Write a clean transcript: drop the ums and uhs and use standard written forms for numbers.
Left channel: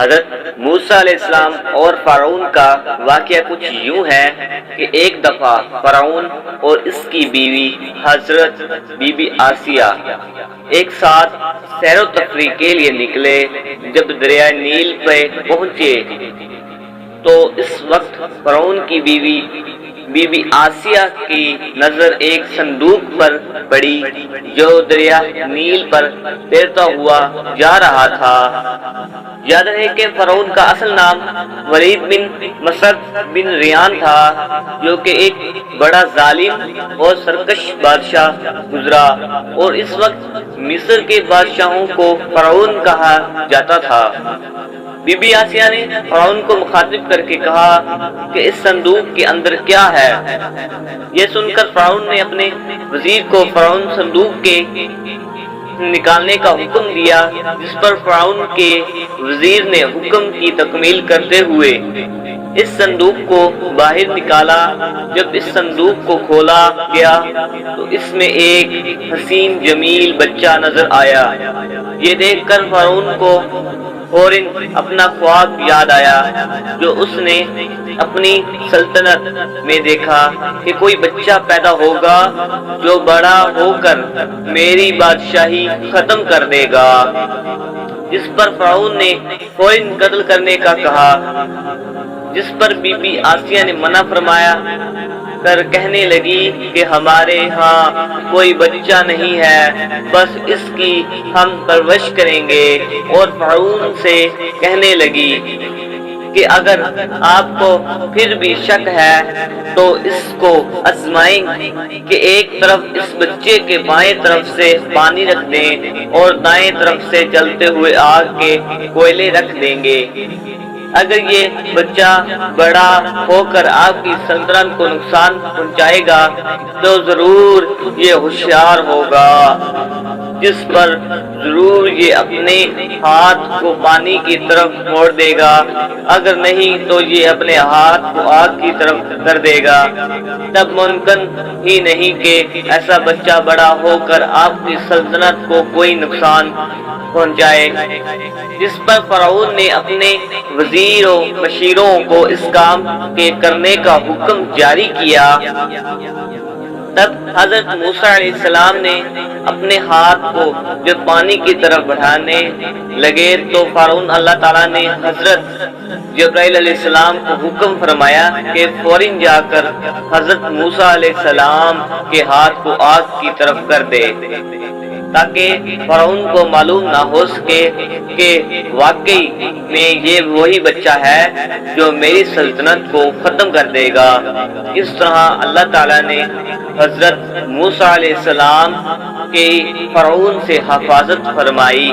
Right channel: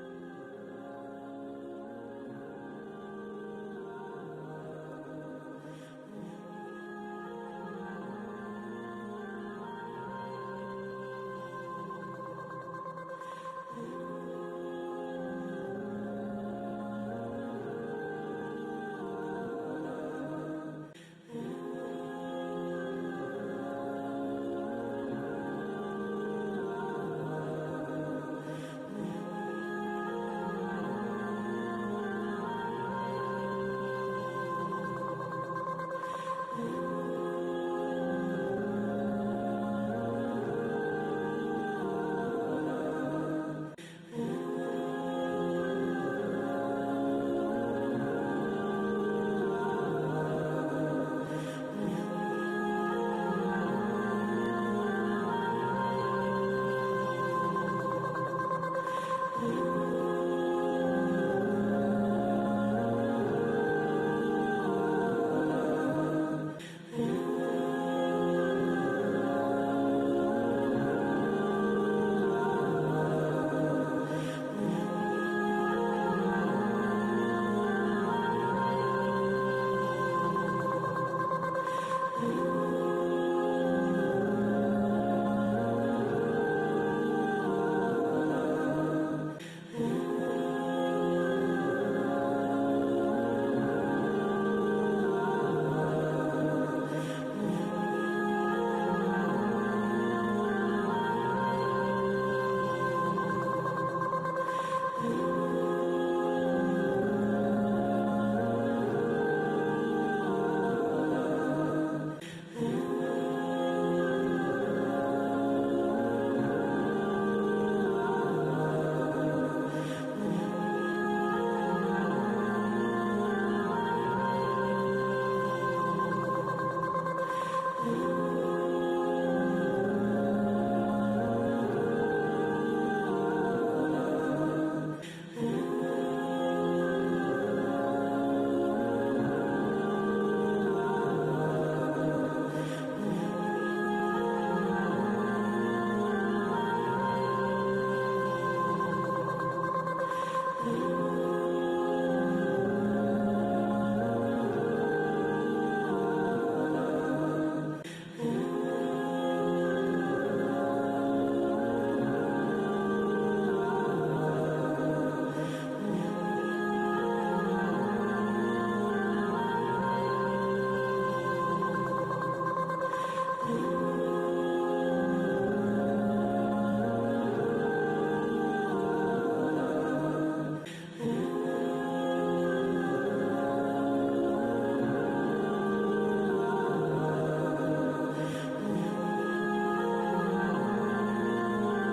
حضرت موسیٰ علیہ السلام اور فرعون کا واقعہ کچھ یوں ہے کہ ایک دفعہ فرعون اور اس کی بیوی حضرت بی بی آسیہ ایک ساتھ سیر و تفریح کے لیے نکلے۔ جب دریائے نیل پہ پہنچے تو اس وقت فرعون کی بیوی بی بی آسیہ کی نظر ایک صندوق پر پڑی جو دریا نیل پر تیرتا ہوا جا رہا تھا۔ یاد رہے کہ فرعون کا اصل نام ولید بن مسعد بن ریان تھا، جو کہ ایک بڑا ظالم اور سرکش بادشاہ گزرا، اور اس وقت مصر کے بادشاہوں کو فرعون کہا جاتا تھا۔ بی بی آسیہ نے فرعون کو مخاطب کر کے کہا کہ اس صندوق کے اندر کیا ہے؟ یہ سن کر فرعون نے اپنے وزیر کو فرعون صندوق کے نکالنے کا حکم دیا، جس پر فرعون کے وزیر نے حکم کی تکمیل کرتے ہوئے اس صندوق کو باہر نکالا۔ جب اس صندوق کو کھولا گیا تو اس میں ایک حسین جمیل بچہ نظر آیا۔ یہ دیکھ کر فرعون کو فوراً اپنا خواب یاد آیا جو اس نے اپنی سلطنت میں دیکھا کہ کوئی بچہ پیدا ہوگا جو بڑا ہو کر میری بادشاہی ختم کر دے گا۔ اس پر فرعون نے فوراً قتل کرنے کا کہا، جس پر بی بی آسیہ نے منع فرمایا کر کہنے لگی کہ ہمارے ہاں کوئی بچہ نہیں ہے، بس اس کی ہم پرورش کریں گے۔ اور فرعون سے کہنے لگی کہ اگر آپ کو پھر بھی شک ہے تو اس کو آزمائیں کہ ایک طرف اس بچے کے بائیں طرف سے پانی رکھ دیں اور دائیں طرف سے جلتے ہوئے آگ کے کوئلے رکھ دیں گے۔ اگر یہ بچہ بڑا ہو کر آپ کی سلطنت کو نقصان پہنچائے گا تو ضرور یہ ہوشیار ہوگا، جس پر ضرور یہ اپنے ہاتھ کو پانی کی طرف موڑ دے گا، اگر نہیں تو یہ اپنے ہاتھ کو آگ کی طرف کر دے گا۔ تب ممکن ہی نہیں کہ ایسا بچہ بڑا ہو کر آپ کی سلطنت کو کوئی نقصان پہنچائے۔ جس پر فرعون نے اپنے وزیروں مشیروں کو اس کام کے کرنے کا حکم جاری کیا۔ تب حضرت موسیٰ علیہ السلام نے اپنے ہاتھ کو جب پانی کی طرف بڑھانے لگے تو فوراً اللہ تعالیٰ نے حضرت جبرائیل علیہ السلام کو حکم فرمایا کہ فوراً جا کر حضرت موسیٰ علیہ السلام کے ہاتھ کو آگ کی طرف کر دے، تاکہ فرعون کو معلوم نہ ہو سکے کہ واقعی میں یہ وہی بچہ ہے جو میری سلطنت کو ختم کر دے گا۔ اس طرح اللہ تعالیٰ نے حضرت موسیٰ علیہ السلام کی فرعون سے حفاظت فرمائی۔